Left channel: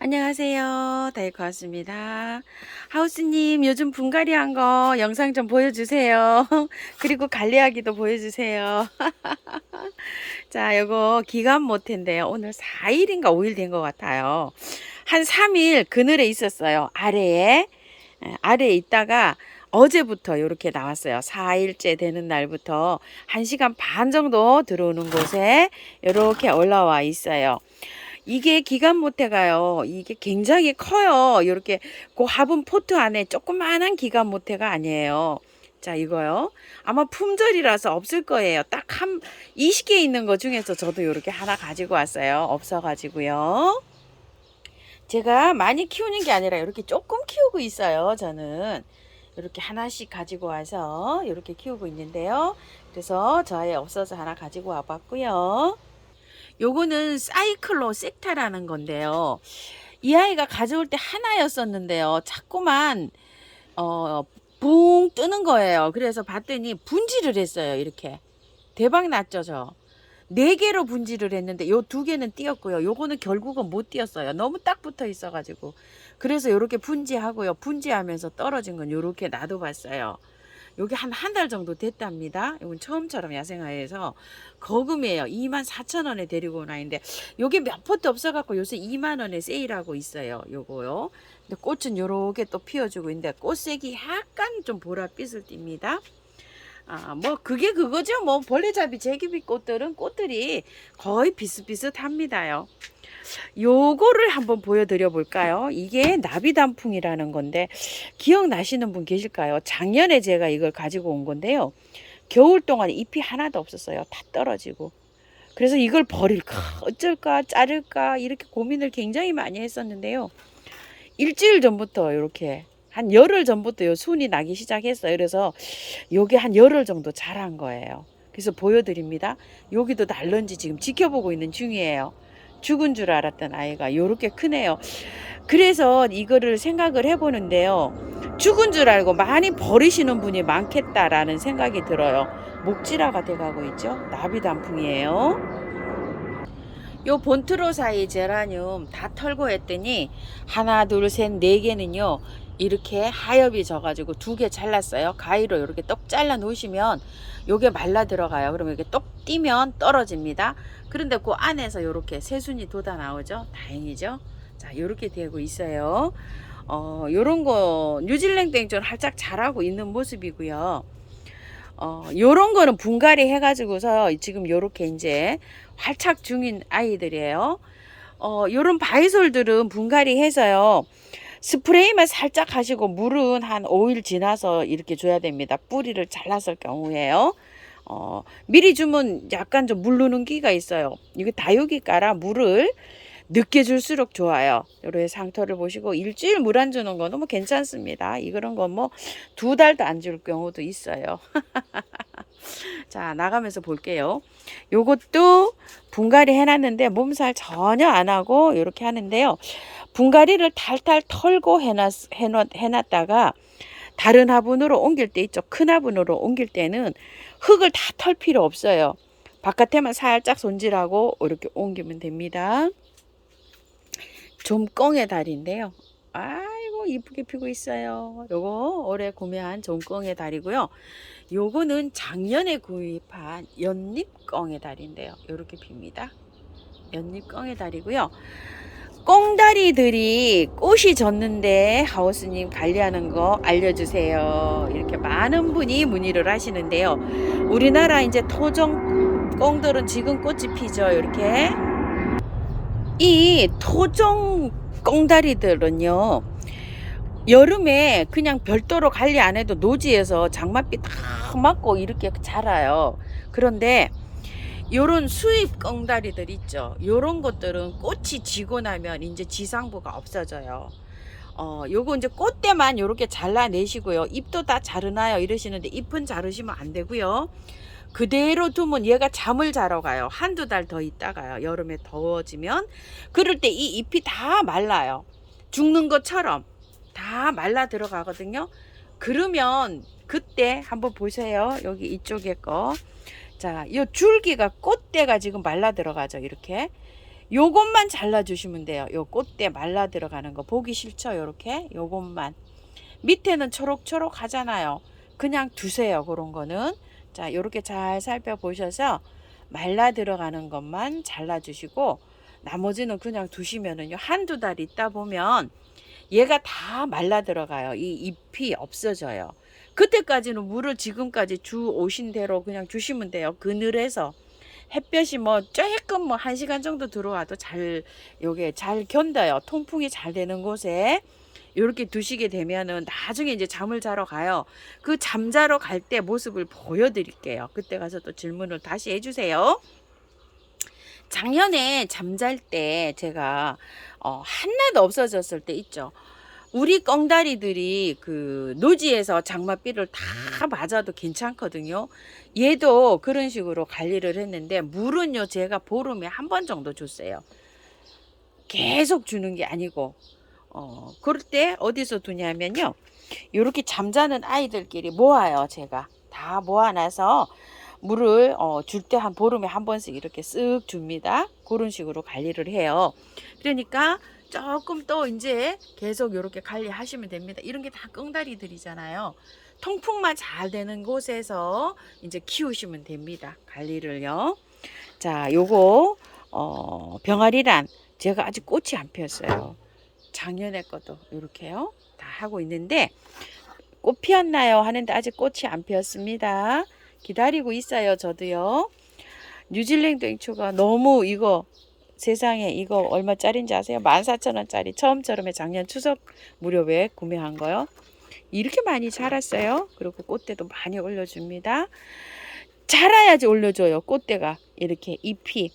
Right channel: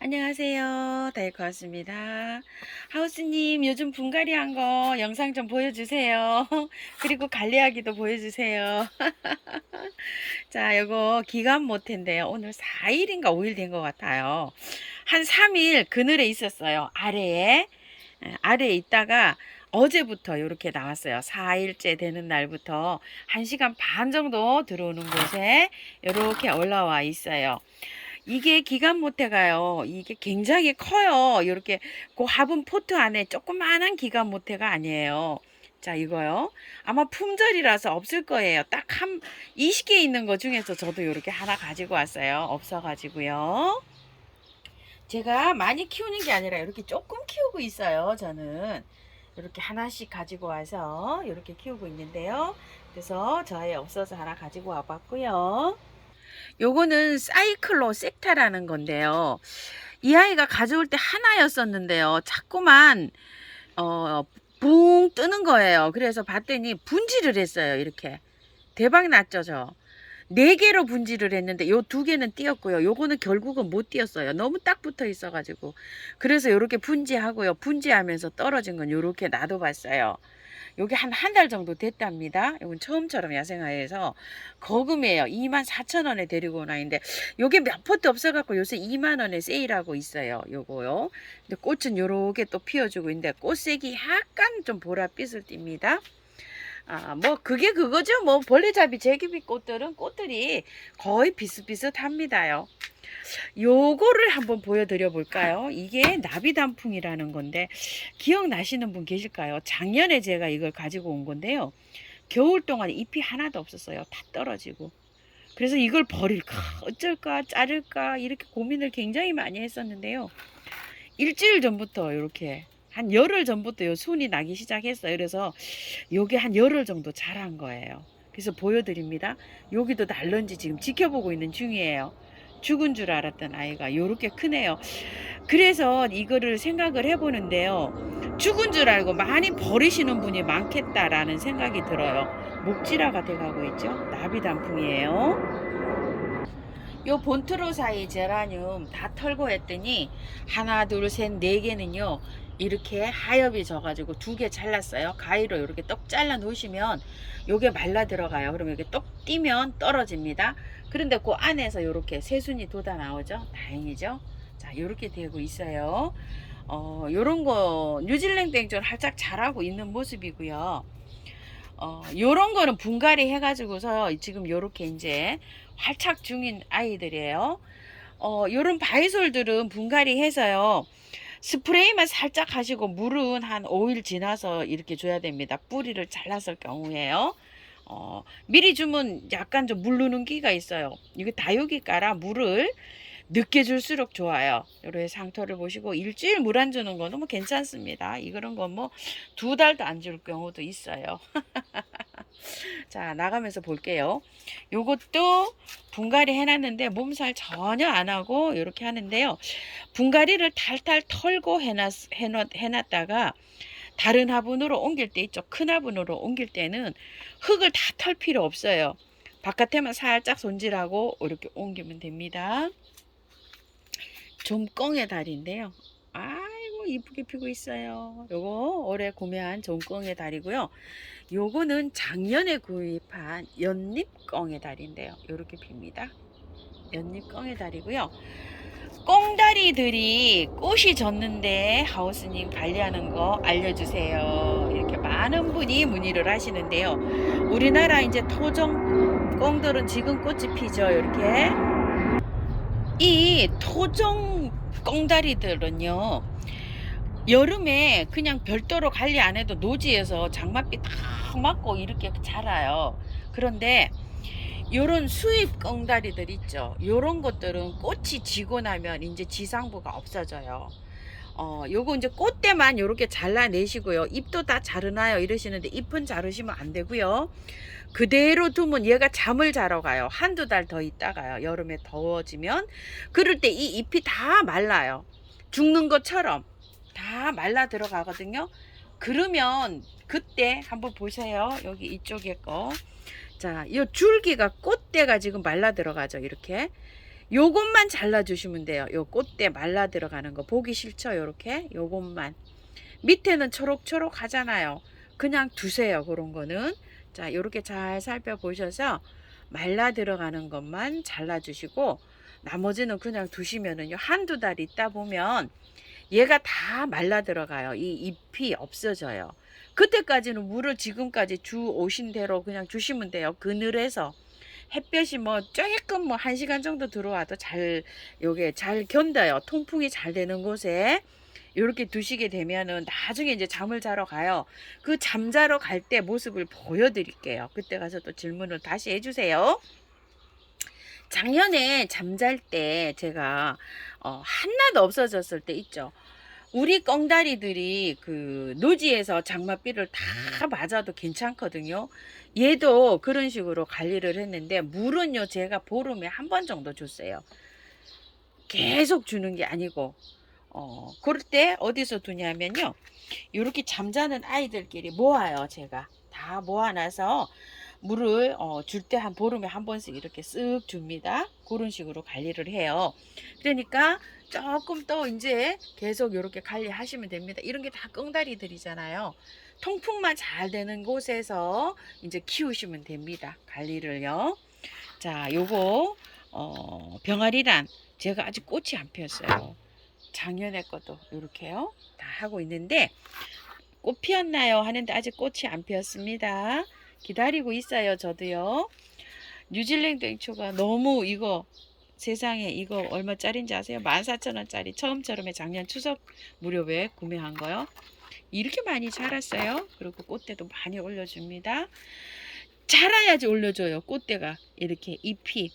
안녕하세요. 다이코 왔습니다. 하우스님, 요즘 분갈이 한 거 영상 좀 보여주세요. 그리고 관리하기도 보여주세요. 자, 요거 기간 모태인데요. 오늘 4일인가 5일 된 것 같아요. 한 3일 그늘에 있었어요. 아래에. 아래에 있다가 어제부터 이렇게 나왔어요. 4일째 되는 날부터 1시간 반 정도 들어오는 곳에 이렇게 올라와 있어요. 이게 기간 모태가요. 이게 굉장히 커요. 이렇게 그 화분 포트 안에 조그만한 기간 모태가 아니에요. 자, 이거요. 아마 품절이라서 없을 거예요. 딱 한 20개 있는 거 중에서 저도 이렇게 하나 가지고 왔어요. 없어가지고요. 제가 많이 키우는 게 아니라 이렇게 조금 키우고 있어요. 저는 이렇게 하나씩 가지고 와서 이렇게 키우고 있는데요. 그래서 저에 없어서 하나 가지고 와봤고요. 요거는 사이클로 섹타라는 건데요. 이 아이가 가져올 때 하나였었는데요. 자꾸만 붕 뜨는 거예요. 그래서 봤더니 분지를 했어요. 이렇게 대박 났죠, 저. 4개로 분지를 했는데 요 2개는 띄었고요. 요거는 결국은 못 띄었어요. 너무 딱 붙어 있어 가지고. 그래서 요렇게 분지하고요. 분지하면서 떨어진 건 요렇게 놔둬봤어요. 요게 한 달 정도 됐답니다. 이건 처음처럼 야생화에서 거금이에요. 24,000원에 데리고 온 아이인데 요게 몇 포트 없어갖고 요새 2만원에 세일하고 있어요. 요거요. 근데 꽃은 요렇게 또 피워주고 있는데 꽃색이 약간 좀 보랏빛을 띱니다. 뭐 그게 그거죠. 뭐 벌레잡이 제기비 꽃들은 꽃들이 거의 비슷비슷합니다요. 요거를 한번 보여드려 볼까요? 이게 나비단풍이라는 건데 기억나시는 분 계실까요? 작년에 제가 이걸 가지고 온 건데요. 겨울 동안 잎이 하나도 없었어요. 다 떨어지고. 그래서 이걸 버릴까 어쩔까 자를까 이렇게 고민을 굉장히 많이 했었는데요. 일주일 전부터 이렇게 한 열흘 전부터 요 순이 나기 시작했어요. 그래서 요게 한 열흘 정도 자란 거예요. 그래서 보여드립니다. 여기도 날런지 지금 지켜보고 있는 중이에요. 죽은 줄 알았던 아이가 요렇게 크네요. 그래서 이거를 생각을 해보는데요. 죽은 줄 알고 많이 버리시는 분이 많겠다라는 생각이 들어요. 목질화가 돼가고 있죠. 나비단풍이에요. 요 본트로사이 제라늄 다 털고 했더니 하나 둘셋네 개는요 이렇게 하엽이 져가지고 2개 잘랐어요. 가위로 이렇게 똑 잘라 놓으시면 요게 말라 들어가요. 그러면 이렇게 똑 띄면 떨어집니다. 그런데 그 안에서 이렇게 새순이 돋아 나오죠. 다행이죠. 자, 이렇게 되고 있어요. 요런 거 뉴질랜드 땡전 활짝 자라고 있는 모습이고요. 요런 거는 분갈이 해가지고서 지금 요렇게 이제 활착 중인 아이들이에요. 요런 바이솔들은 분갈이 해서요. 스프레이만 살짝 하시고 물은 한 5일 지나서 이렇게 줘야 됩니다. 뿌리를 잘랐을 경우에요. 미리 주면 약간 좀 물르는 기가 있어요. 이거 다육이가라 물을 늦게 줄수록 좋아요. 요런 상토를 보시고 일주일 물 안 주는 거 너무 괜찮습니다. 이런 건 뭐 2달도 안 줄 경우도 있어요. 자, 나가면서 볼게요. 요것도 분갈이 해놨는데 몸살 전혀 안 하고 이렇게 하는데요. 분갈이를 탈탈 털고 해놨다가 다른 화분으로 옮길 때 있죠. 큰 화분으로 옮길 때는 흙을 다 털 필요 없어요. 바깥에만 살짝 손질하고 이렇게 옮기면 됩니다. 좀꽁의 달인데요. 아이고 이쁘게 피고 있어요. 요거 올해 구매한 좀꽁의 달이고요. 요거는 작년에 구입한 연잎꽁의 달인데요. 요렇게 핍니다. 연잎꽁의 달이고요. 꽁다리들이 꽃이 졌는데 하우스님 관리하는 거 알려주세요. 이렇게 많은 분이 문의를 하시는데요. 우리나라 이제 토종 꽁들은 지금 꽃이 피죠. 이렇게 이 토종 꽁다리들은요 여름에 그냥 별도로 관리 안 해도 노지에서 장맛비 다 맞고 이렇게 자라요. 그런데 요런 수입 꽁다리들 있죠. 요런 것들은 꽃이 지고 나면 이제 지상부가 없어져요. 요거 이제 꽃대만 요렇게 잘라내시고요. 잎도 다 자르나요 이러시는데 잎은 자르시면 안 되고요. 그대로 두면 얘가 잠을 자러 가요. 한두 달 더 있다가요. 여름에 더워지면 그럴 때 이 잎이 다 말라요. 죽는 것처럼 다 말라 들어가거든요. 그러면 그때 한번 보세요. 여기 이쪽에 거. 자, 이 줄기가 꽃대가 지금 말라 들어가죠. 이렇게. 요것만 잘라주시면 돼요. 요 꽃대 말라 들어가는 거 보기 싫죠? 요렇게 요것만. 밑에는 초록초록 하잖아요. 그냥 두세요. 그런 거는. 자, 요렇게 잘 살펴보셔서 말라 들어가는 것만 잘라주시고 나머지는 그냥 두시면은요. 한두 달 있다 보면 얘가 다 말라 들어가요. 이 잎이 없어져요. 그때까지는 물을 지금까지 주 오신 대로 그냥 주시면 돼요. 그늘에서. 햇볕이 뭐 조금 뭐 1시간 정도 들어와도 잘 요게 잘 견뎌요. 통풍이 잘 되는 곳에 이렇게 두시게 되면은 나중에 이제 잠을 자러 가요. 그 잠자러 갈 때 모습을 보여드릴게요. 그때 가서 또 질문을 다시 해주세요. 작년에 잠잘 때 제가 하나도 없어졌을 때 있죠. 우리 꿩다리들이 그 노지에서 장맛비를 다 맞아도 괜찮거든요. 얘도 그런 식으로 관리를 했는데 물은요 제가 보름에 한 번 정도 줬어요. 계속 주는 게 아니고 그럴 때 어디서 두냐면요. 이렇게 잠자는 아이들끼리 모아요. 제가 다 모아놔서 물을 줄 때 한 보름에 한 번씩 이렇게 쓱 줍니다. 그런 식으로 관리를 해요. 그러니까 조금 또 이제 계속 이렇게 관리하시면 됩니다. 이런 게 다 끙다리들이잖아요. 통풍만 잘 되는 곳에서 이제 키우시면 됩니다. 관리를요. 자, 요거 병아리란 제가 아직 꽃이 안 피었어요. 작년에 것도 이렇게요. 다 하고 있는데 꽃 피었나요? 하는데 아직 꽃이 안 피었습니다. 기다리고 있어요. 저도요. 뉴질랜드 앵초가 너무 이거 세상에 이거 얼마짜리인지 아세요? 14,000원짜리 처음처럼에 작년 추석 무렵에 구매한 거요. 이렇게 많이 자랐어요. 그리고 꽃대도 많이 올려줍니다. 자라야지 올려줘요. 꽃대가 이렇게 잎이.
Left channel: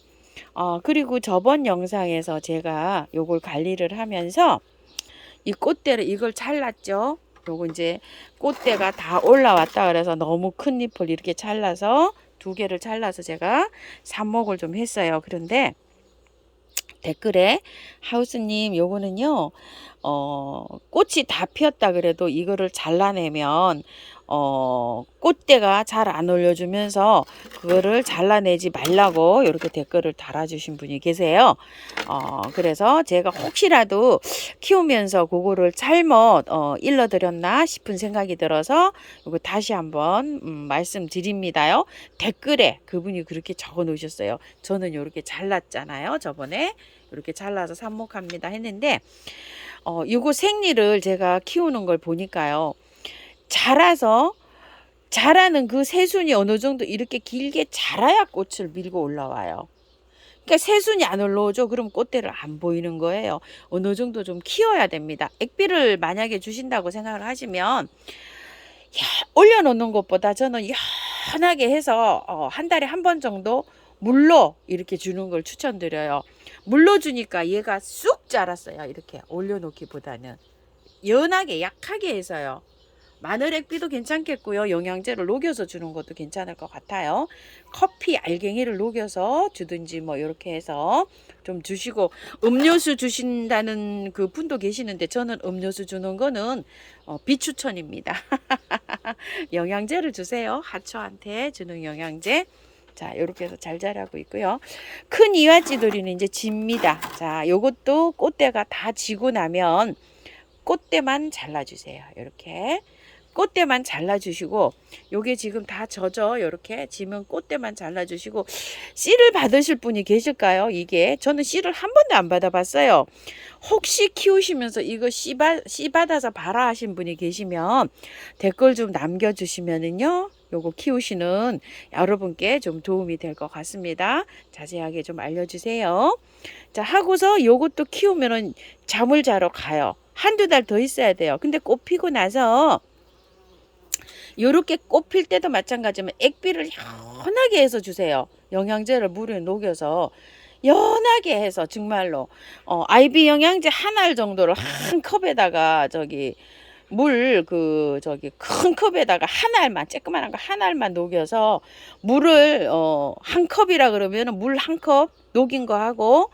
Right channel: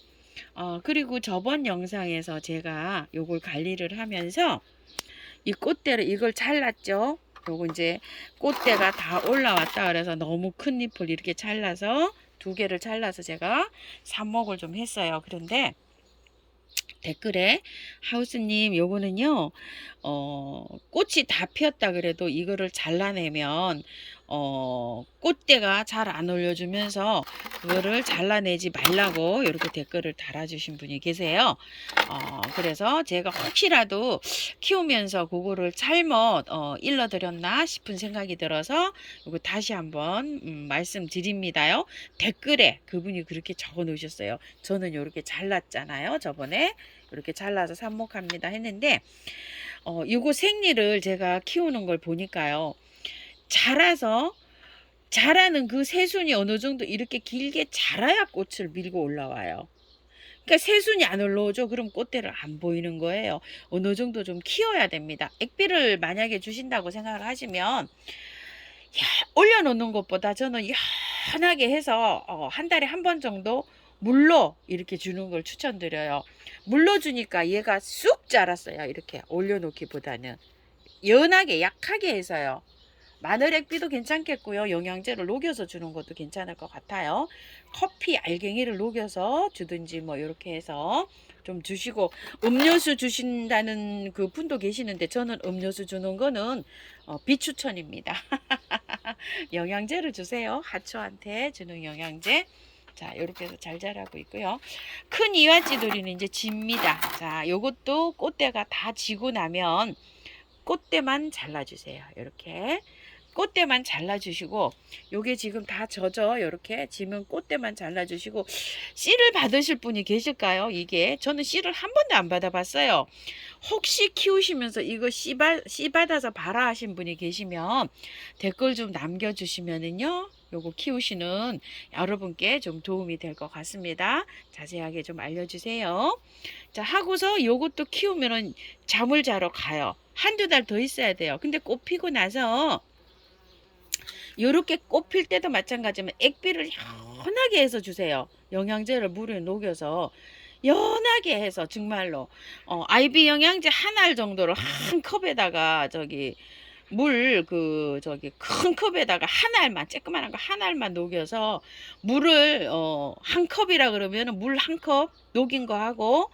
그리고 저번 영상에서 제가 요걸 관리를 하면서 이 꽃대를 이걸 잘랐죠. 요거 이제 꽃대가 다 올라왔다 그래서 너무 큰 잎을 이렇게 잘라서 두 개를 잘라서 제가 삽목을 좀 했어요. 그런데 댓글에 하우스님 요거는요 꽃이 다 피었다 그래도 이거를 잘라내면 꽃대가 잘 안 올려주면서 그거를 잘라내지 말라고 이렇게 댓글을 달아주신 분이 계세요. 그래서 제가 혹시라도 키우면서 그거를 잘못 일러드렸나 싶은 생각이 들어서 이거 다시 한번 말씀드립니다요. 댓글에 그분이 그렇게 적어 놓으셨어요. 저는 이렇게 잘랐잖아요. 저번에 이렇게 잘라서 삽목합니다 했는데 이거 생리를 제가 키우는 걸 보니까요. 자라는 그 새순이 어느 정도 이렇게 길게 자라야 꽃을 밀고 올라와요. 그러니까 새순이 안 올라오죠. 그럼 꽃대를 안 보이는 거예요. 어느 정도 좀 키워야 됩니다. 액비를 만약에 주신다고 생각을 하시면 올려놓는 것보다 저는 연하게 해서 한 달에 한 번 정도 물로 이렇게 주는 걸 추천드려요. 물로 주니까 얘가 쑥 자랐어요. 이렇게 올려놓기보다는 연하게 약하게 해서요. 마늘 액비도 괜찮겠고요. 영양제를 녹여서 주는 것도 괜찮을 것 같아요. 커피 알갱이를 녹여서 주든지 뭐 이렇게 해서 좀 주시고 음료수 주신다는 그 분도 계시는데 저는 음료수 주는 거는 비추천입니다. 영양제를 주세요. 하초한테 주는 영양제. 자, 이렇게 해서 잘 자라고 있고요. 큰 이화지돌이는 이제 집니다. 자, 요것도 꽃대가 다 지고 나면 꽃대만 잘라주세요. 이렇게 꽃대만 잘라주시고 요게 지금 다 젖어 이렇게 지면 꽃대만 잘라주시고 씨를 받으실 분이 계실까요? 이게 저는 씨를 한 번도 안 받아봤어요. 혹시 키우시면서 이거 씨 받아서 봐라 하신 분이 계시면 댓글 좀 남겨주시면은요 요거 키우시는 여러분께 좀 도움이 될 것 같습니다. 자세하게 좀 알려주세요. 자, 하고서 요것도 키우면은 잠을 자러 가요. 한두 달 더 있어야 돼요. 근데 꽃 피고 나서 요렇게 꽃 필 때도 마찬가지면 액비를 연하게 해서 주세요. 영양제를 물에 녹여서 연하게 해서 정말로 아이비 영양제 한 알 정도를 한 컵에다가 큰 컵에다가 한 알만 쬐끄만한 거 한 알만 녹여서 물을 한 컵이라 그러면 물 한 컵 녹인 거 하고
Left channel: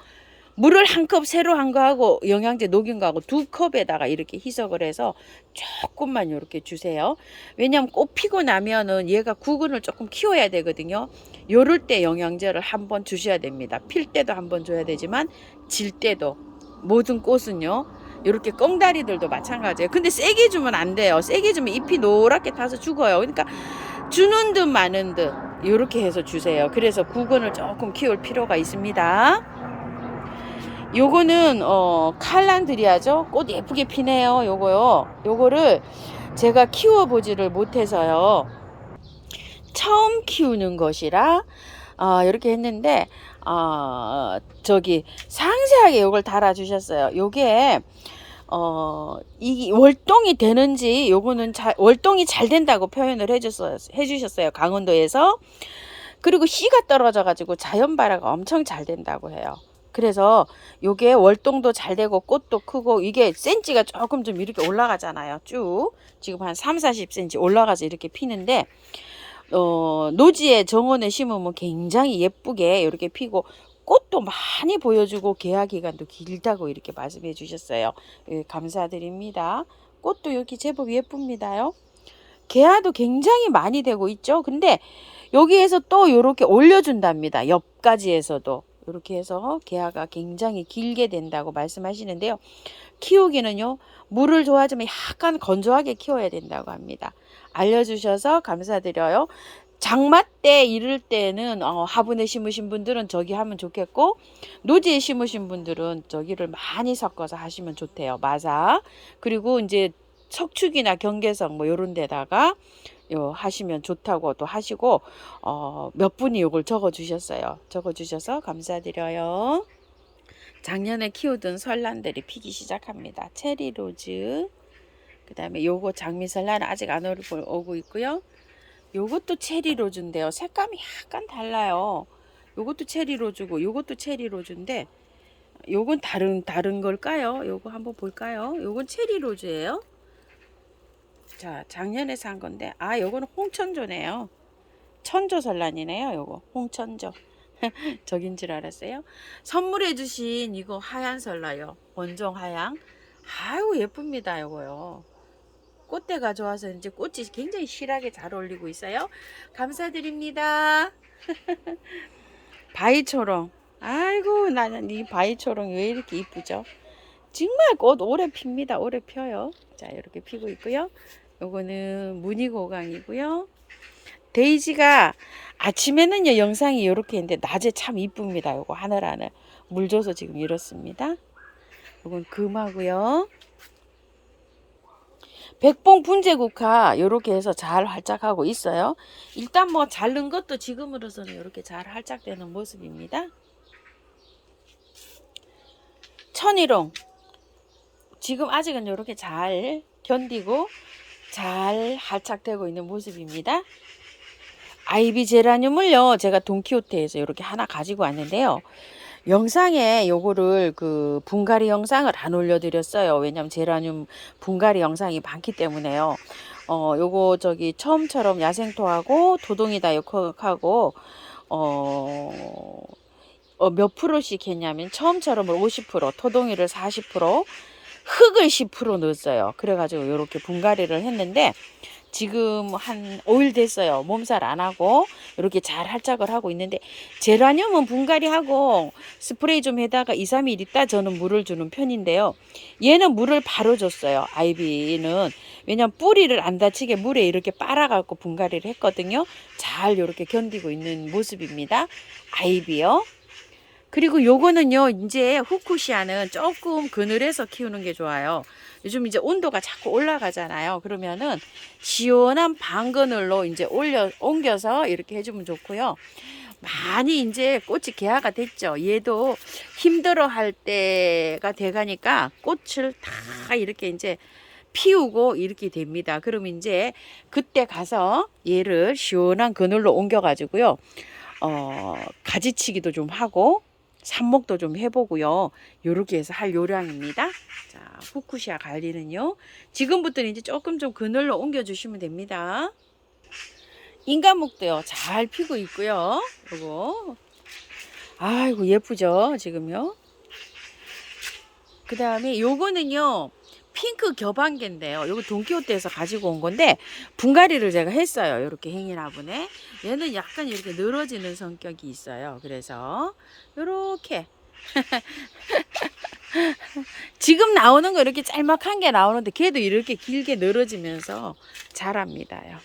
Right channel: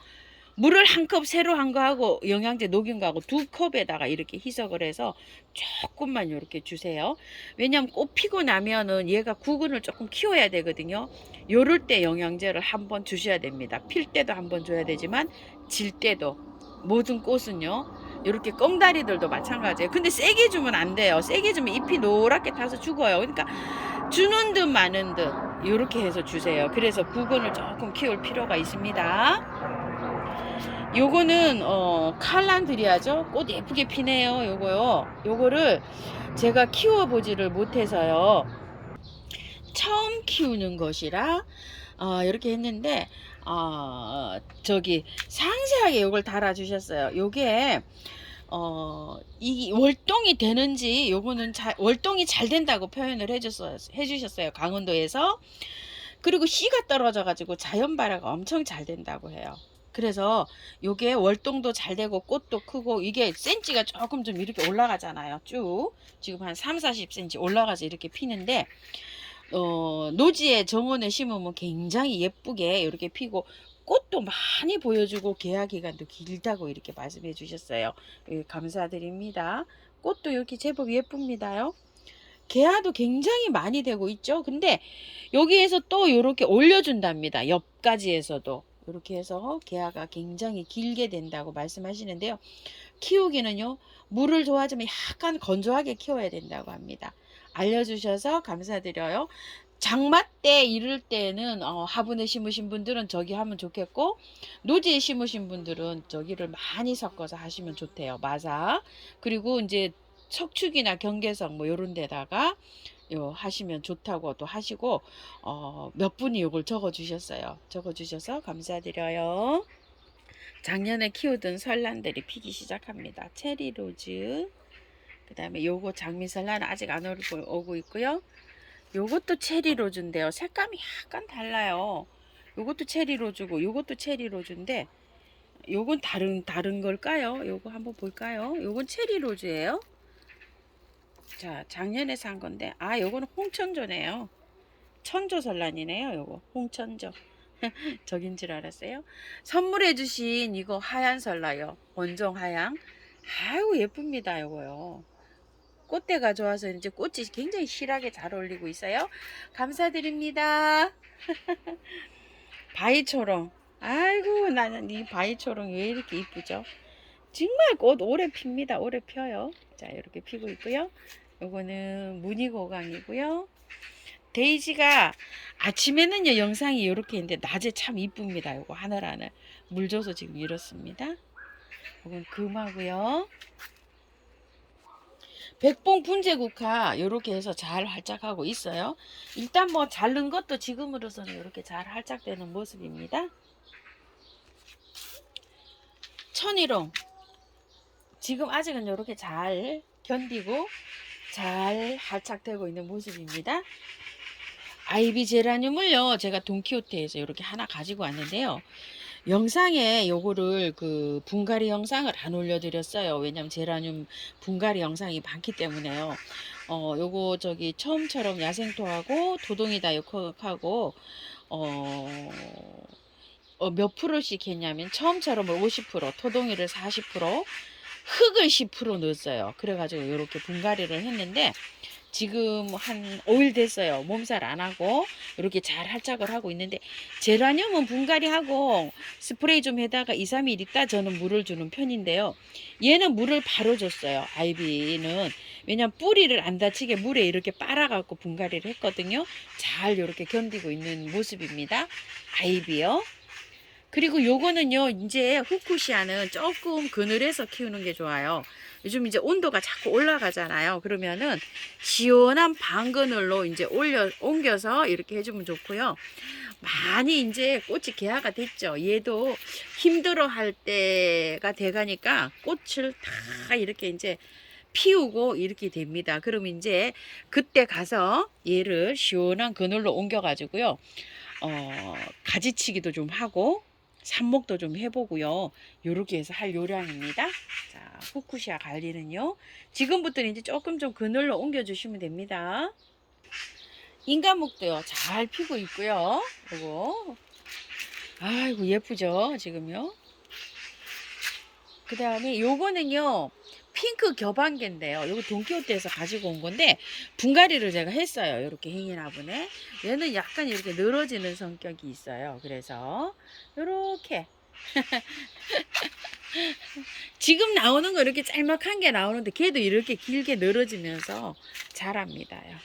물을 한 컵 새로 한 거하고 영양제 녹인 거하고 두 컵에다가 이렇게 희석을 해서 조금만 이렇게 주세요. 왜냐하면 꽃 피고 나면은 얘가 구근을 조금 키워야 되거든요. 요럴 때 영양제를 한번 주셔야 됩니다. 필 때도 한번 줘야 되지만 질 때도. 모든 꽃은요 이렇게 꽁다리들도 마찬가지예요. 근데 세게 주면 안 돼요. 세게 주면 잎이 노랗게 타서 죽어요. 그러니까 주는 듯 마는 듯 이렇게 해서 주세요. 그래서 구근을 조금 키울 필요가 있습니다. 요거는 칼란드리아죠. 꽃 예쁘게 피네요. 요거요. 요거를 제가 키워보지를 못해서요. 처음 키우는 것이라 이렇게 했는데 저기 상세하게 요걸 달아주셨어요. 요게 이 월동이 되는지 요거는 월동이 잘 된다고 표현을 해주셨어요. 강원도에서. 그리고 씨가 떨어져 가지고 자연 발화가 엄청 잘 된다고 해요. 그래서 요게 월동도 잘 되고 꽃도 크고 이게 센치가 조금 좀 이렇게 올라가잖아요. 쭉 지금 한 30-40cm 올라가서 이렇게 피는데 노지에 정원에 심으면 굉장히 예쁘게 이렇게 피고 꽃도 많이 보여주고 개화 기간도 길다고 이렇게 말씀해 주셨어요. 예, 감사드립니다. 꽃도 이렇게 제법 예쁩니다요. 개화도 굉장히 많이 되고 있죠. 근데 여기에서 또 이렇게 올려준답니다. 옆가지에서도 이렇게 해서 개화가 굉장히 길게 된다고 말씀하시는데요. 키우기는요 물을 좋아하지만 약간 건조하게 키워야 된다고 합니다. 알려주셔서 감사드려요. 장마 때 이럴 때는 화분에 심으신 분들은 저기 하면 좋겠고 노지에 심으신 분들은 저기를 많이 섞어서 하시면 좋대요. 마사. 그리고 이제 석축이나 경계석 뭐 요런 데다가 하시면 좋다고 또 하시고 몇 분이 요걸 적어 주셨어요. 적어 주셔서 감사드려요. 작년에 키우던 설란들이 피기 시작합니다. 체리로즈, 그 다음에 요거 장미설란 아직 안 오고 있고요. 요것도 체리로즈인데요. 색감이 약간 달라요. 요것도 체리로즈고 요것도 체리로즈인데 요건 다른 걸까요? 요거 한번 볼까요? 요건 체리로즈예요. 자, 작년에 산 건데 요거는 홍천조네요. 천조설란이네요. 요거 홍천조. 저긴 줄 알았어요. 선물해 주신 이거 하얀 설라요. 원종 하양. 아유 예쁩니다. 요거요. 꽃대가 좋아서 이제 꽃이 굉장히 실하게 잘 어울리고 있어요. 감사드립니다. 바위초롱. 아이고 나는 이 바위초롱 왜 이렇게 이쁘죠? 정말 꽃 오래 핍니다. 오래 펴요. 자 이렇게 피고 있고요. 요거는 무늬고강이고요. 데이지가 아침에는요 영상이 이렇게 있는데 낮에 참 이쁩니다. 요거 하늘하늘 물 줘서 지금 이렇습니다. 요건 금하고요. 백봉 분재국화 이렇게 해서 잘 활짝하고 있어요. 일단 뭐 자른 것도 지금으로서는 이렇게 잘 활짝되는 모습입니다. 천일홍 지금 아직은 이렇게 잘 견디고 잘 활짝되고 있는 모습입니다. 아이비 제라늄을요 제가 돈키호테에서 이렇게 하나 가지고 왔는데요. 영상에 요거를 그 분갈이 영상을 안 올려드렸어요. 왜냐면 제라늄 분갈이 영상이 많기 때문에요. 요거 저기 처음처럼 야생토하고 도동이다육하고 몇 프로씩 했냐면 처음처럼 50%, 토동이를 40%, 흙을 10% 넣었어요. 그래가지고 이렇게 분갈이를 했는데 지금 한 5일 됐어요. 몸살 안 하고 이렇게 잘 활짝을 하고 있는데 제라늄은 분갈이하고 스프레이 좀 해다가 2-3일 있다 저는 물을 주는 편인데요. 얘는 물을 바로 줬어요. 아이비는. 왜냐면 뿌리를 안 다치게 물에 이렇게 빨아갖고 분갈이를 했거든요. 잘 이렇게 견디고 있는 모습입니다. 아이비요. 그리고 요거는요 이제 후쿠시아는 조금 그늘에서 키우는 게 좋아요. 요즘 이제 온도가 자꾸 올라가잖아요. 그러면은 시원한 방그늘로 이제 옮겨서 이렇게 해주면 좋고요. 많이 이제 꽃이 개화가 됐죠. 얘도 힘들어 할 때가 돼가니까 꽃을 다 이렇게 이제 피우고 이렇게 됩니다. 그럼 이제 그때 가서 얘를 시원한 그늘로 옮겨 가지고요. 가지치기도 좀 하고 삽목도 좀 해보고요. 요렇게 해서 할 요량입니다. 자, 후쿠시아 관리는요. 지금부터는 이제 조금 좀 그늘로 옮겨주시면 됩니다. 인간목도요. 잘 피고 있고요. 요거. 아이고 예쁘죠? 지금요. 그 다음에 요거는요 핑크 겨방개인데요. 요거 돈키호테에서 가지고 온 건데 분갈이를 제가 했어요. 요렇게 행인화분에 얘는 약간 이렇게 늘어지는 성격이 있어요. 그래서 요렇게 지금 나오는 거 이렇게 짤막한 게 나오는데 걔도 이렇게 길게 늘어지면서 자랍니다요.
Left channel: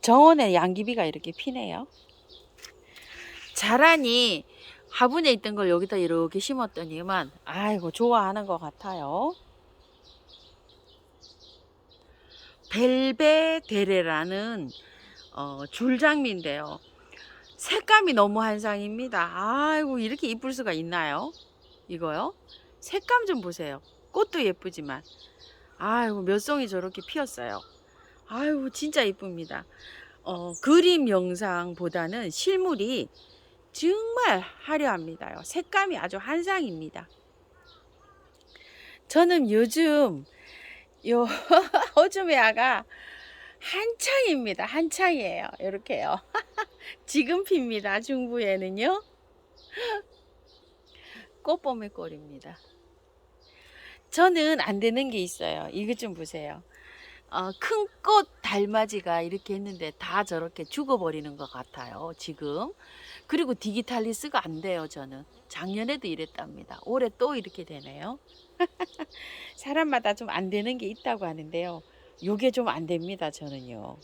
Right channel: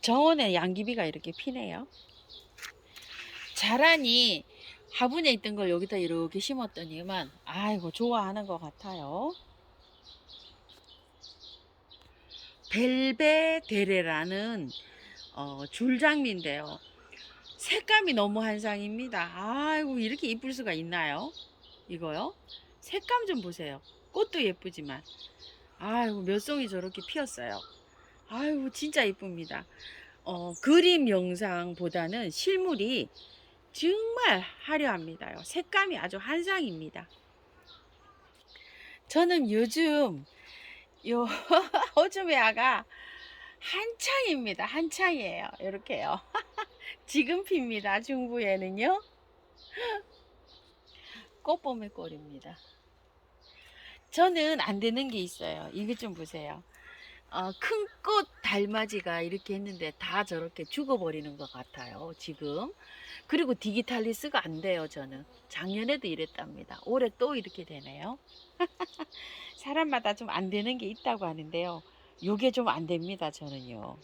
정원에 양귀비가 이렇게 피네요. 자라니 화분에 있던 걸 여기다 이렇게 심었더니만 아이고 좋아하는 것 같아요. 벨베데레라는 줄장미인데요. 색감이 너무 한상입니다. 아이고 이렇게 이쁠 수가 있나요? 이거요? 색감 좀 보세요. 꽃도 예쁘지만 아이고 몇 송이 저렇게 피었어요. 아이고 진짜 이쁩니다. 그림 영상보다는 실물이 정말 화려합니다요. 색감이 아주 한상입니다. 저는 요즘 요 호주메아가 한창입니다. 한창이에요. 이렇게요. 지금 핍니다. 중부에는요. 꽃봄의 꼴입니다. 저는 안 되는 게 있어요. 이것 좀 보세요. 큰 꽃 달맞이가 이렇게 했는데 다 저렇게 죽어버리는 것 같아요. 지금. 그리고 디기탈리스가 안 돼요. 저는. 작년에도 이랬답니다. 올해 또 이렇게 되네요. 사람마다 좀 안 되는 게 있다고 하는데요. 요게 좀 안 됩니다. 저는요.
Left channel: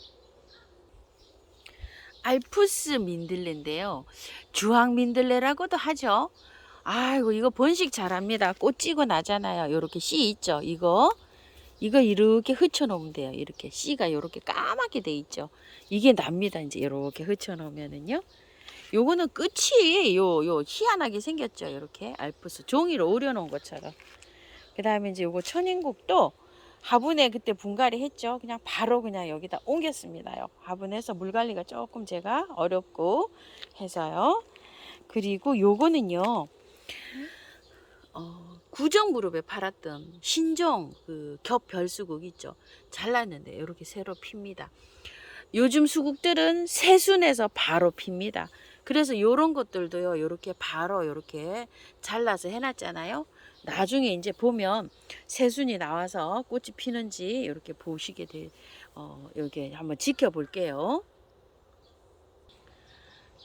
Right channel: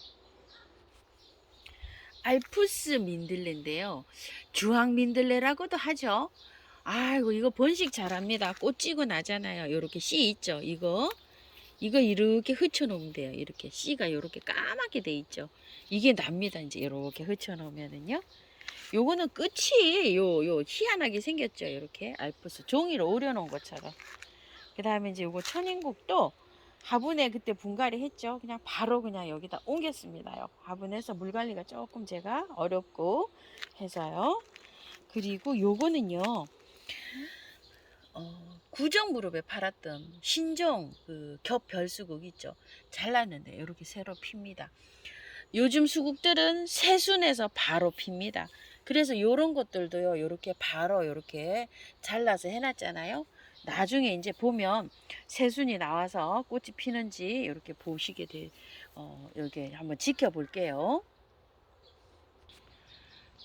알프스 민들레인데요. 주황 민들레라고도 하죠. 아이고 이거 번식 잘합니다. 꽃 찌고 나잖아요. 요렇게 씨 있죠. 이거 이렇게 흐쳐 놓으면 돼요. 이렇게 씨가 이렇게 까맣게 돼 있죠. 이게 납니다. 이제 이렇게 흐쳐 놓으면은요. 요거는 끝이 요 희한하게 생겼죠. 이렇게 알프스 종이로 오려 놓은 것처럼. 그 다음에 이제 요거 천인국도 화분에 그때 분갈이 했죠. 그냥 바로 그냥 여기다 옮겼습니다요. 화분에서 물 관리가 조금 제가 어렵고 해서요. 그리고 요거는요. 구정무렵에 팔았던 신종 그 겹별수국 있죠. 잘랐는데 이렇게 새로 핍니다. 요즘 수국들은 새순에서 바로 핍니다. 그래서 요런 것들도요. 이렇게 바로 이렇게 잘라서 해놨잖아요. 나중에 이제 보면 새순이 나와서 꽃이 피는지 이렇게 보시게 돼. 여기 한번 지켜볼게요.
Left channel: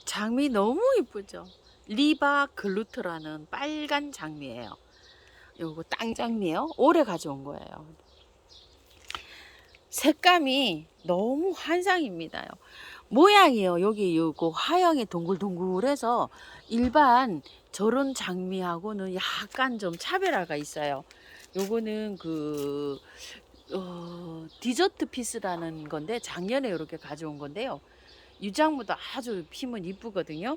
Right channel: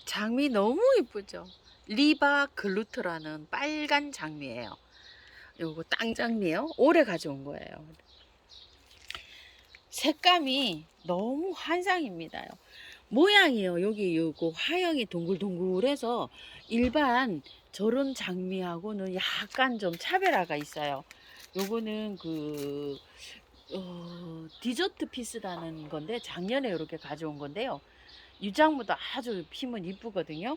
장미 너무 이쁘죠. 리바 글루트라는 빨간 장미예요. 요거 땅장미요. 올해 가져온 거예요. 색감이 너무 환상입니다요. 모양이요. 여기 요거 화형이 동글동글해서 일반 저런 장미하고는 약간 좀 차별화가 있어요. 요거는 그 디저트 피스라는 건데 작년에 이렇게 가져온 건데요. 유장무도 아주 피면 이쁘거든요.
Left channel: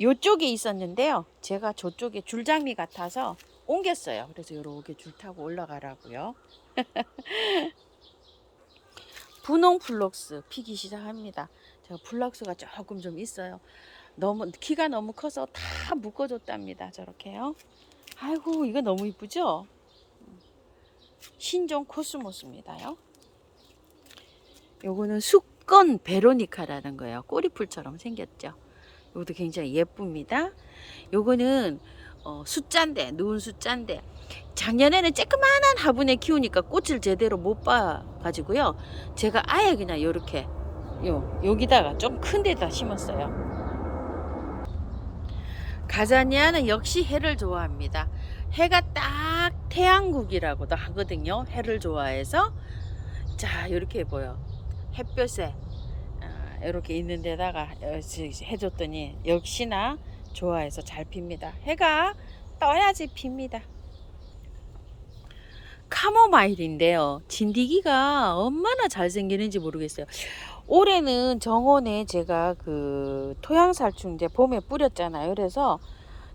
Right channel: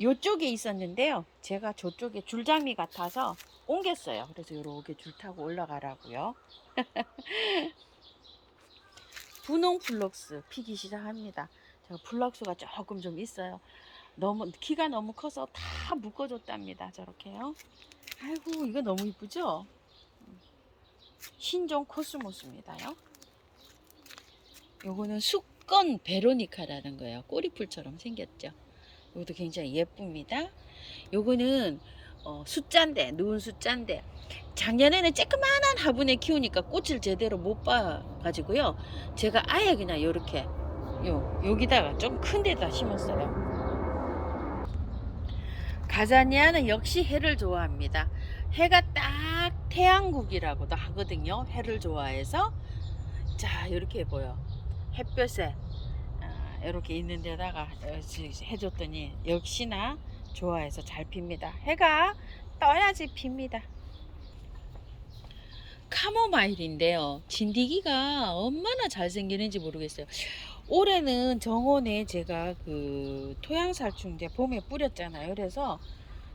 요쪽에 있었는데요. 제가 저쪽에 줄장미 같아서 옮겼어요. 그래서 요렇게 줄 타고 올라가라고요. 분홍 플럭스 피기 시작합니다. 제가 플럭스가 조금 좀 있어요. 너무 키가 너무 커서 다 묶어줬답니다. 저렇게요. 아이고 이거 너무 이쁘죠? 신종 코스모스입니다요. 요거는 수건 베로니카라는 거예요. 꼬리풀처럼 생겼죠. 요것도 굉장히 예쁩니다. 요거는 숫자인데 누운 숫자인데 작년에는 쬐끄만한 화분에 키우니까 꽃을 제대로 못 봐 가지고요. 제가 아예 그냥 요렇게 여기다가 좀 큰 데다 심었어요. 가자니아는 역시 해를 좋아합니다. 해가 딱 태양국이라고도 하거든요. 해를 좋아해서 자 이렇게 보여. 햇볕에 이렇게 있는 데다가 해줬더니 역시나 좋아해서 잘 핍니다. 해가 떠야지 핍니다. 카모마일인데요. 진디기가 얼마나 잘생기는지 모르겠어요. 올해는 정원에 제가 그 토양살충제 봄에 뿌렸잖아요. 그래서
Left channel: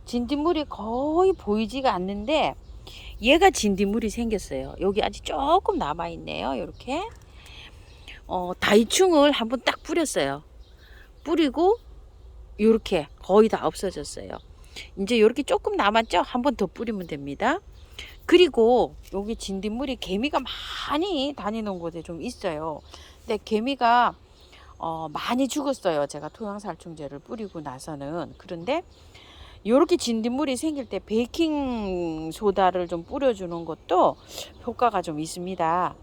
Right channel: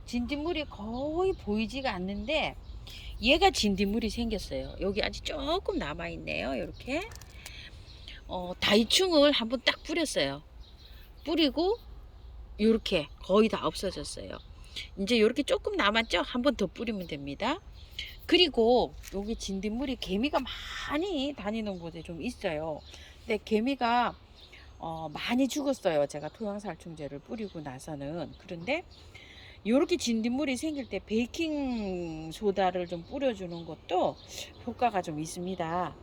진딧물이 거의 보이지가 않는데 얘가 진딧물이 생겼어요. 여기 아직 조금 남아있네요. 이렇게 다이충을 한번 딱 뿌렸어요. 뿌리고 이렇게 거의 다 없어졌어요. 이제 이렇게 조금 남았죠? 한번 더 뿌리면 됩니다. 그리고 여기 진딧물이 개미가 많이 다니는 곳에 좀 있어요. 근데 개미가 많이 죽었어요. 제가 토양살충제를 뿌리고 나서는. 그런데 요렇게 진딧물이 생길 때 베이킹 소다를 좀 뿌려주는 것도 효과가 좀 있습니다.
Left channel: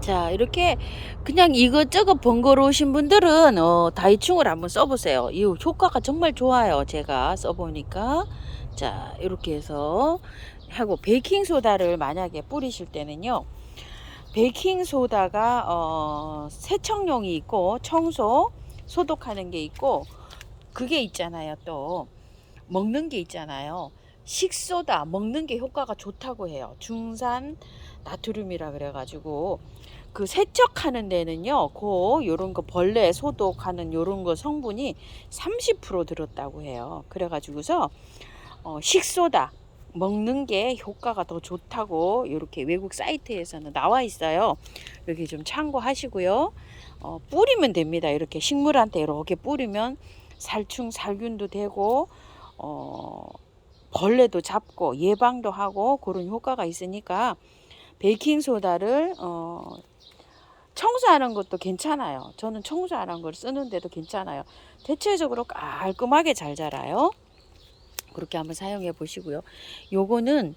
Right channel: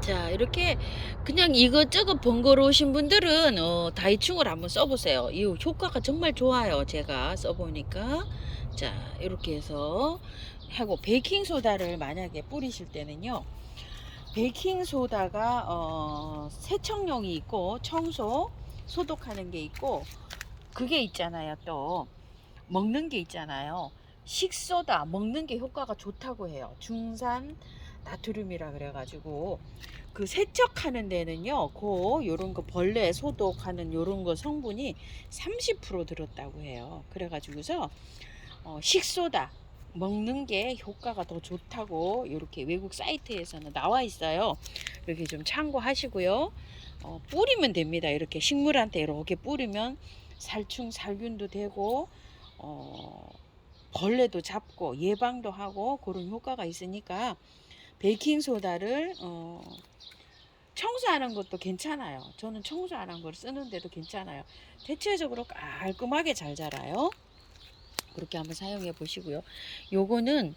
자, 이렇게 그냥 이것저것 번거로우신 분들은 다이충을 한번 써보세요. 이 효과가 정말 좋아요. 제가 써보니까. 자, 이렇게 해서 하고, 베이킹소다를 만약에 뿌리실 때는요, 베이킹소다가 세척용이 있고 청소 소독하는 게 있고, 그게 있잖아요. 또 먹는 게 있잖아요. 식소다 먹는 게 효과가 좋다고 해요. 중산 나트륨이라 그래가지고, 그 세척하는 데는요, 요런 거 벌레 소독하는 요런 거 성분이 30% 들었다고 해요. 그래가지고서 식소다 먹는 게 효과가 더 좋다고 이렇게 외국 사이트에서는 나와 있어요. 여기 좀 참고하시고요. 뿌리면 됩니다. 이렇게 식물한테 이렇게 뿌리면 살충 살균도 되고 벌레도 잡고 예방도 하고 그런 효과가 있으니까, 베이킹소다를 청소하는 것도 괜찮아요. 저는 청소하는 걸 쓰는데도 괜찮아요. 대체적으로 깔끔하게 잘 자라요. 그렇게 한번 사용해 보시고요. 요거는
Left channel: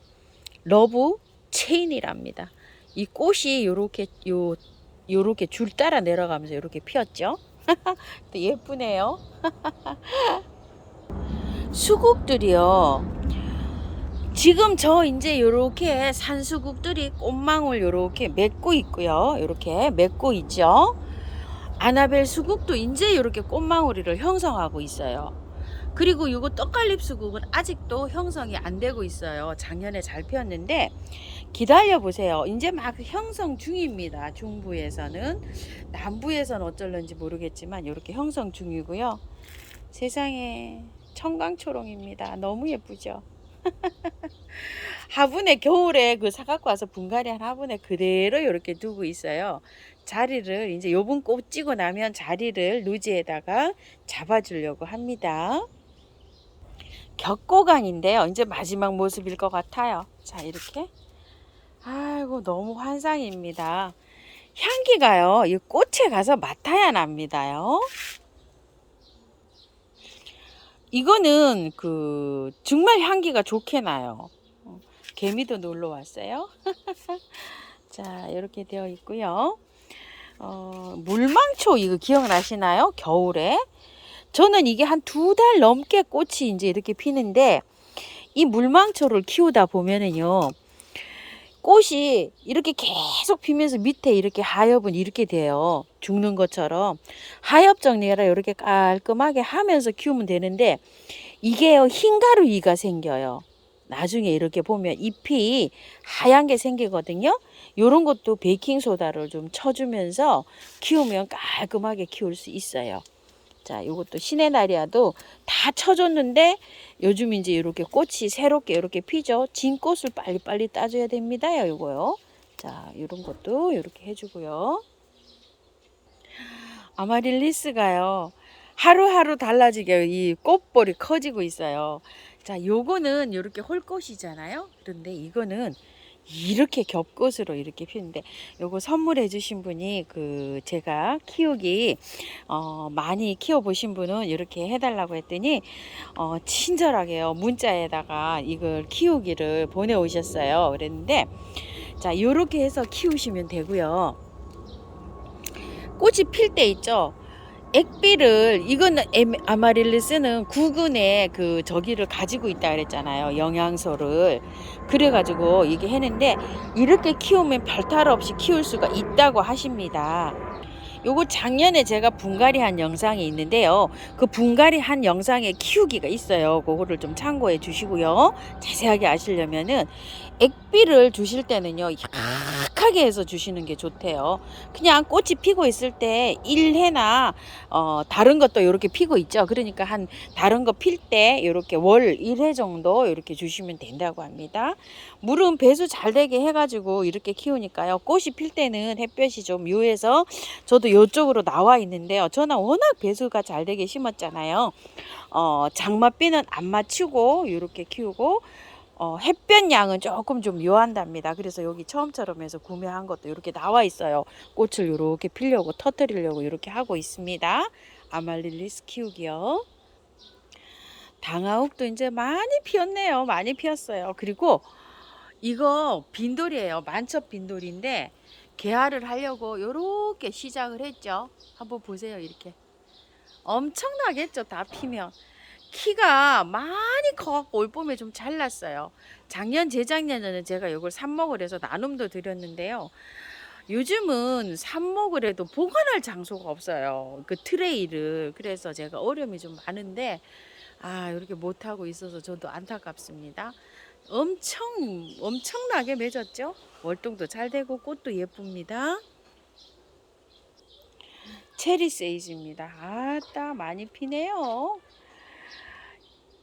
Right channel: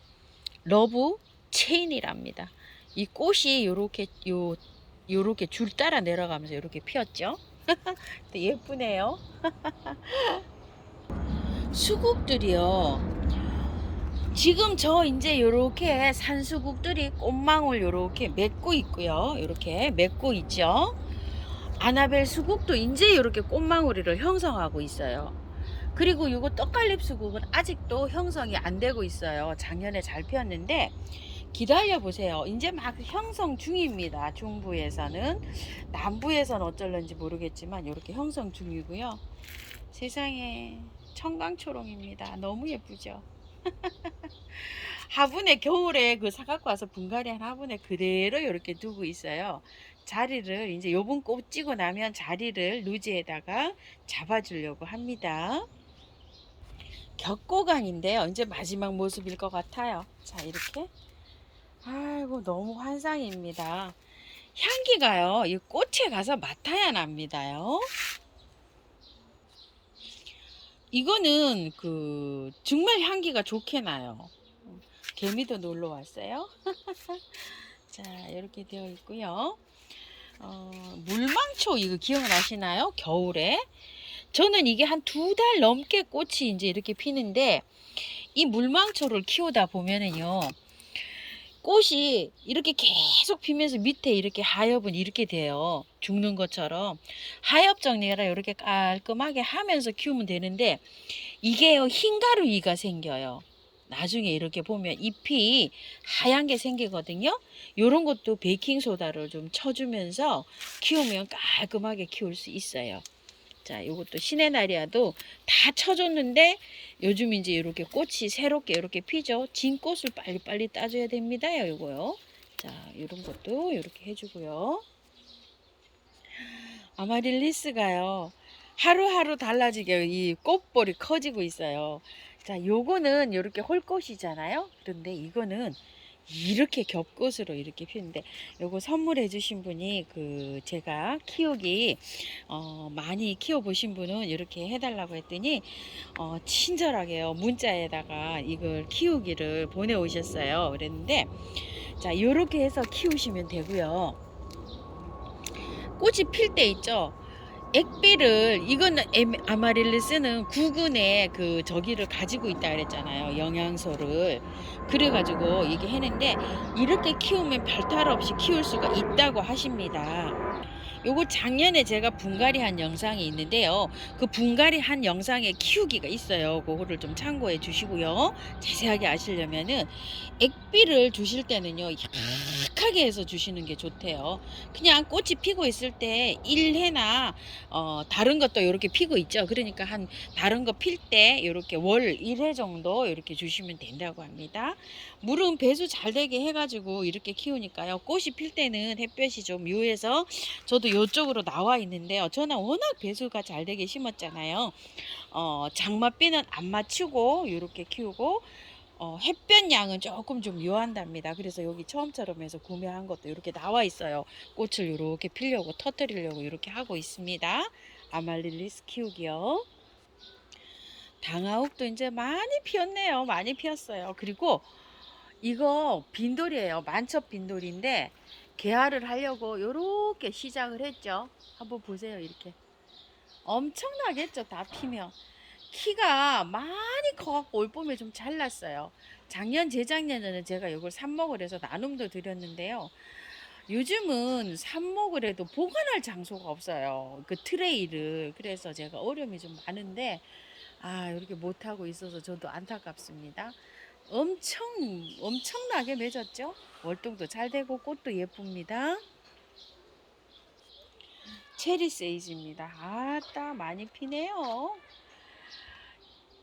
러브 체인이랍니다. 이 꽃이 요렇게 줄 따라 내려가면서 이렇게 피었죠. 예쁘네요. 수국들이요. 지금 저 이제 요렇게 산수국들이 꽃망울 요렇게 맺고 있고요. 요렇게 맺고 있죠. 아나벨 수국도 이제 요렇게 꽃망울이를 형성하고 있어요. 그리고 요거 떡갈립 수국은 아직도 형성이 안 되고 있어요. 작년에 잘 피었는데 기다려 보세요. 이제 막 형성 중입니다. 중부에서는. 남부에서는 어쩔런지 모르겠지만 이렇게 형성 중이고요. 세상에 청강초롱입니다. 너무 예쁘죠. 화분에 겨울에 그 사갖고 와서 분갈이한 화분에 그대로 이렇게 두고 있어요. 자리를 이제 요번 꽃 찌고 나면 자리를 누지에다가 잡아주려고 합니다. 격고강인데요. 이제 마지막 모습일 것 같아요. 자, 이렇게. 아이고, 너무 환상입니다. 향기가요, 이 꽃에 가서 맡아야 납니다요. 이거는 정말 향기가 좋게 나요. 개미도 놀러 왔어요. 자, 이렇게 되어 있고요. 물망초 이거 기억나시나요? 겨울에 저는 이게 한 2달 넘게 꽃이 이제 이렇게 피는데, 이 물망초를 키우다 보면은요, 꽃이 이렇게 계속 피면서 밑에 이렇게 하엽은 이렇게 돼요. 죽는 것처럼. 하엽 정리를 이렇게 깔끔하게 하면서 키우면 되는데, 이게요, 흰가루 이가 생겨요. 나중에 이렇게 보면 잎이 하얀 게 생기거든요. 요런 것도 베이킹소다를 좀 쳐주면서 키우면 깔끔하게 키울 수 있어요. 자, 요것도 시네나리아도 다 쳐줬는데 요즘 이제 이렇게 꽃이 새롭게 이렇게 피죠. 진 꽃을 빨리빨리 따줘야 됩니다. 요거요. 자, 이런 것도 이렇게 해주고요. 아마릴리스가요, 하루하루 달라지게 이 꽃볼이 커지고 있어요. 자, 요거는 이렇게 홀꽃이잖아요. 그런데 이거는 이렇게 겹꽃으로 이렇게 피는데, 요거 선물해 주신 분이 제가 키우기 많이 키워 보신 분은 이렇게 해달라고 했더니 친절하게요, 문자에다가 이걸 키우기를 보내 오셨어요. 그랬는데, 자, 요렇게 해서 키우시면 되고요. 꽃이 필 때 있죠, 액비를, 이거는 아마릴리스는 구근의 저기를 가지고 있다 그랬잖아요, 영양소를. 그래가지고 이게 했는데, 이렇게 키우면 별탈 없이 키울 수가 있다고 하십니다. 요거 작년에 제가 분갈이한 영상이 있는데요, 그 분갈이한 영상에 키우기가 있어요. 그거를 좀 참고해 주시고요. 자세하게 아시려면은, 액비를 주실 때는요, 약하게 해서 주시는 게 좋대요. 그냥 꽃이 피고 있을 때 1회나 다른 것도 이렇게 피고 있죠. 그러니까 한 다른 거 필 때 이렇게 월 1회 정도 이렇게 주시면 된다고 합니다. 물은 배수 잘 되게 해가지고 이렇게 키우니까요, 꽃이 필 때는 햇볕이 좀 요해서, 저도 이쪽으로 나와 있는데요, 저는 워낙 배수가 잘 되게 심었잖아요. 장맛비는 안 맞추고 이렇게 키우고, 햇볕 양은 조금 좀 요한답니다. 그래서 여기 처음처럼 해서 구매한 것도 이렇게 나와 있어요. 꽃을 이렇게 피려고 터뜨리려고 이렇게 하고 있습니다. 아말릴리스 키우기요. 당하옥도 이제 많이 피었네요. 많이 피었어요. 그리고 이거 빈돌이에요. 만첩 빈돌인데 개화를 하려고 요렇게 시작을 했죠. 한번 보세요. 이렇게 엄청나겠죠. 다 피면 키가 많이 커갖고 올 봄에 좀 잘났어요. 작년 재작년에는 제가 이걸 삽목을 해서 나눔도 드렸는데요. 요즘은 삽목을 해도 보관할 장소가 없어요. 그 트레이를. 그래서 제가 어려움이 좀 많은데 이렇게 못하고 있어서 저도 안타깝습니다. 엄청나게 맺었죠. 월동도 잘 되고 꽃도 예쁩니다. 체리 세이지입니다. 아따 많이 피네요.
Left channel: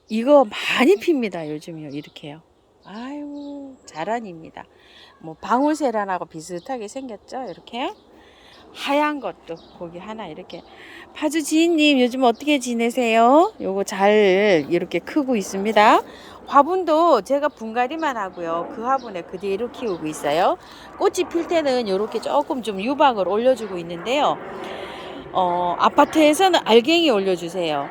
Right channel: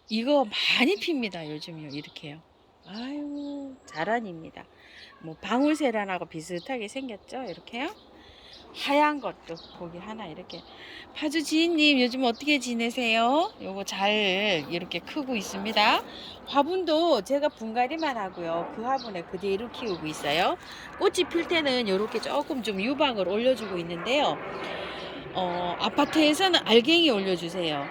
이거 많이 핍니다. 요즘요. 이렇게요. 아유 자란입니다. 뭐 방울세란하고 비슷하게 생겼죠. 이렇게요. 하얀 것도 거기 하나 이렇게. 파주 지인님 요즘 어떻게 지내세요? 요거 잘 이렇게 크고 있습니다. 화분도 제가 분갈이만 하고요. 그 화분에 그대로 키우고 있어요. 꽃이 필 때는 이렇게 조금 좀 유박을 올려주고 있는데요. 아파트에서는 알갱이 올려주세요.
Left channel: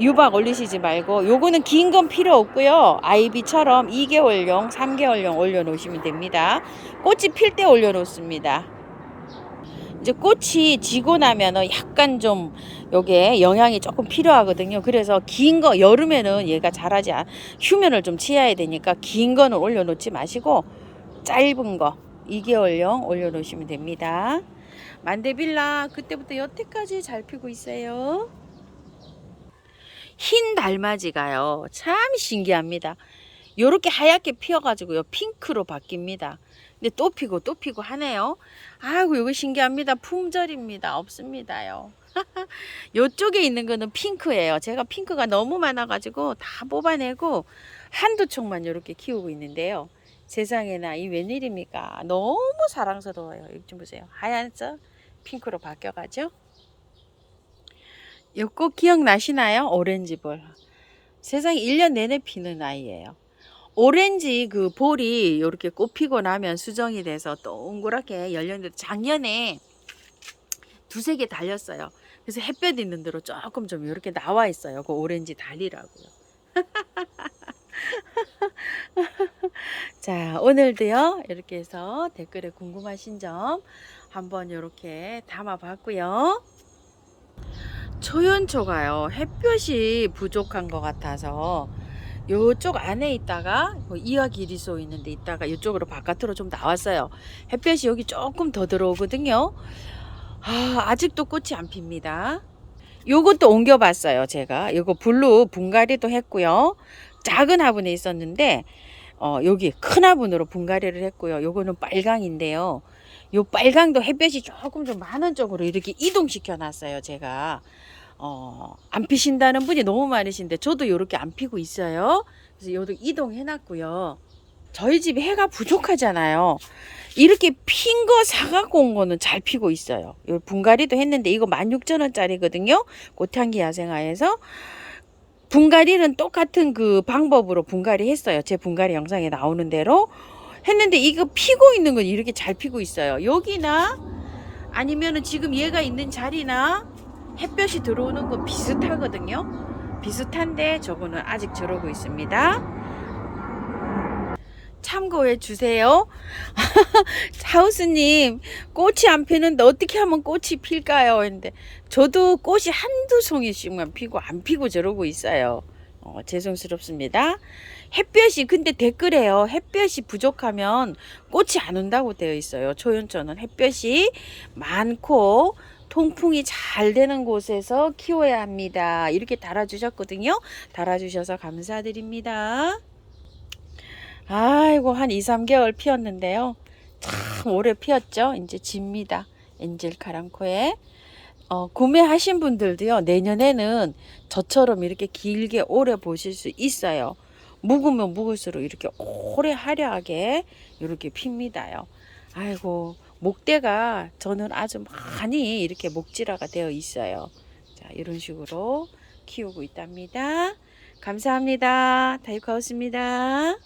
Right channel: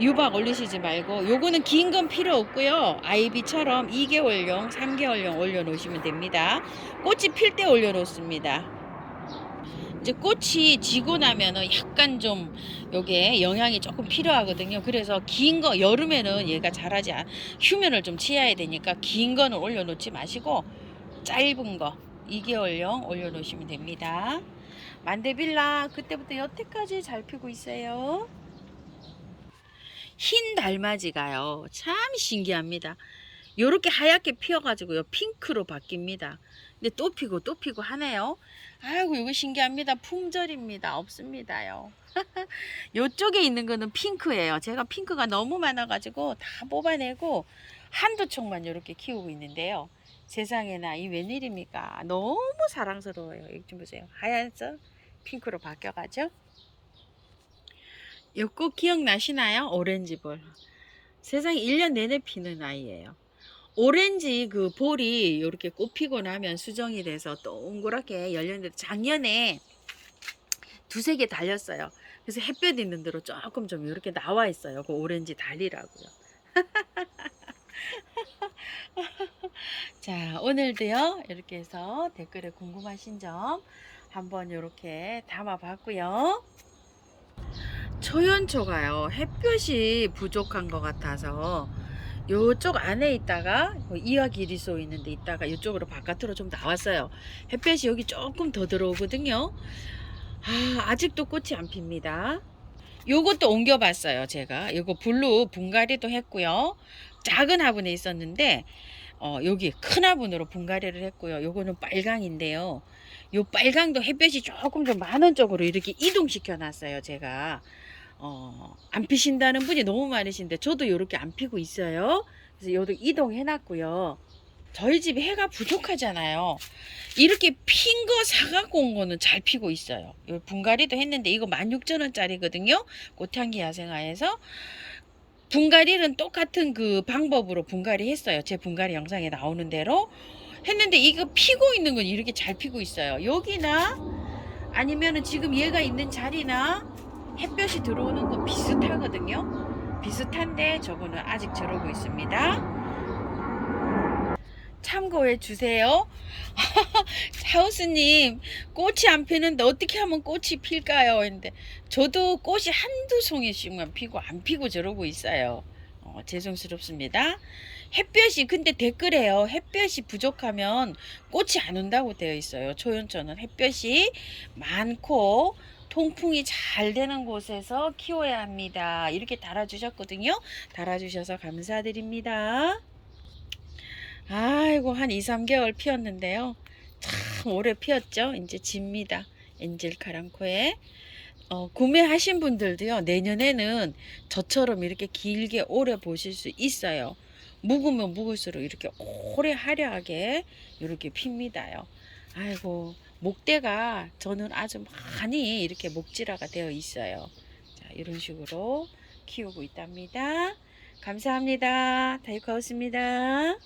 유박 올리시지 말고 요거는 긴 건 필요 없고요. 아이비처럼 2개월용 3개월용 올려놓으시면 됩니다. 꽃이 필 때 올려놓습니다. 이제 꽃이 지고 나면은 약간 좀 요게 영양이 조금 필요하거든요. 그래서 긴 거 여름에는 얘가 자라지 휴면을 좀 취해야 되니까 긴 거는 올려놓지 마시고 짧은 거 2개월용 올려놓으시면 됩니다. 만데빌라 그때부터 여태까지 잘 피고 있어요. 흰 달맞이가요 참 신기합니다. 요렇게 하얗게 피어가지고요 핑크로 바뀝니다. 근데 또 피고 또 피고 하네요. 아이고 이거 신기합니다. 품절입니다. 없습니다요. 요쪽에 있는 거는 핑크예요. 제가 핑크가 너무 많아가지고 다 뽑아내고 한두 촉만 이렇게 키우고 있는데요. 세상에나 이 웬일입니까? 너무 사랑스러워요. 이거 좀 보세요. 하얀색 핑크로 바뀌어가죠. 요 꽃 기억나시나요? 오렌지볼. 세상에 1년 내내 피는 아이예요. 오렌지 그 볼이 이렇게 꽃 피고 나면 수정이 돼서 동그랗게 열렸는데 작년에 두세 개 달렸어요. 그래서 햇볕 있는 데로 조금 좀 이렇게 나와 있어요. 그 오렌지 달리라고요. 자, 오늘도요. 이렇게 해서 댓글에 궁금하신 점 한번 이렇게 담아 봤고요. 초연초가요. 햇볕이 부족한 것 같아서 요쪽 안에 있다가 이화기리소 있는데 있다가 이쪽으로 바깥으로 좀 나왔어요. 햇볕이 여기 조금 더 들어오거든요. 아직도 꽃이 안 핍니다. 요것도 옮겨봤어요. 제가 요거 블루 분갈이도 했고요. 작은 화분에 있었는데 여기 큰 화분으로 분갈이를 했고요. 요거는 빨강인데요. 요 빨강도 햇볕이 조금 좀 많은 쪽으로 이렇게 이동시켜 놨어요. 제가 안 피신다는 분이 너무 많으신데 저도 이렇게 안 피고 있어요. 그래서 요도 이동해 놨고요. 저희 집에 해가 부족하잖아요. 이렇게 핀 거 사갖고 온 거는 잘 피고 있어요. 요 분갈이도 했는데 이거 16,000원짜리거든요. 꽃향기 야생화에서. 분갈이는 똑같은 그 방법으로 분갈이 했어요. 제 분갈이 영상에 나오는 대로 했는데 이거 피고 있는 건 이렇게 잘 피고 있어요. 여기나 아니면은 지금 얘가 있는 자리나 햇볕이 들어오는 거 비슷하거든요. 비슷한데 저거는 아직 저러고 있습니다. 참고해 주세요. 하우스님 꽃이 안 피는데 어떻게 하면 꽃이 필까요? 했는데 저도 꽃이 한두 송이씩만 피고 안 피고 저러고 있어요. 죄송스럽습니다. 햇볕이 근데 댓글에요. 햇볕이 부족하면 꽃이 안 온다고 되어 있어요. 초연초는 햇볕이 많고 통풍이 잘 되는 곳에서 키워야 합니다. 이렇게 달아주셨거든요. 달아주셔서 감사드립니다. 아이고 한 2, 3개월 피었는데요. 참 오래 피었죠. 이제 집니다. 엔젤 카랑코에 구매하신 분들도요. 내년에는 저처럼 이렇게 길게 오래 보실 수 있어요. 묵으면 묵을수록 이렇게 오래 화려하게 이렇게 핍니다요. 아이고 목대가 저는 아주 많이 이렇게 목질화가 되어 있어요. 자 이런 식으로 키우고 있답니다. 감사합니다. 다육하우스입니다.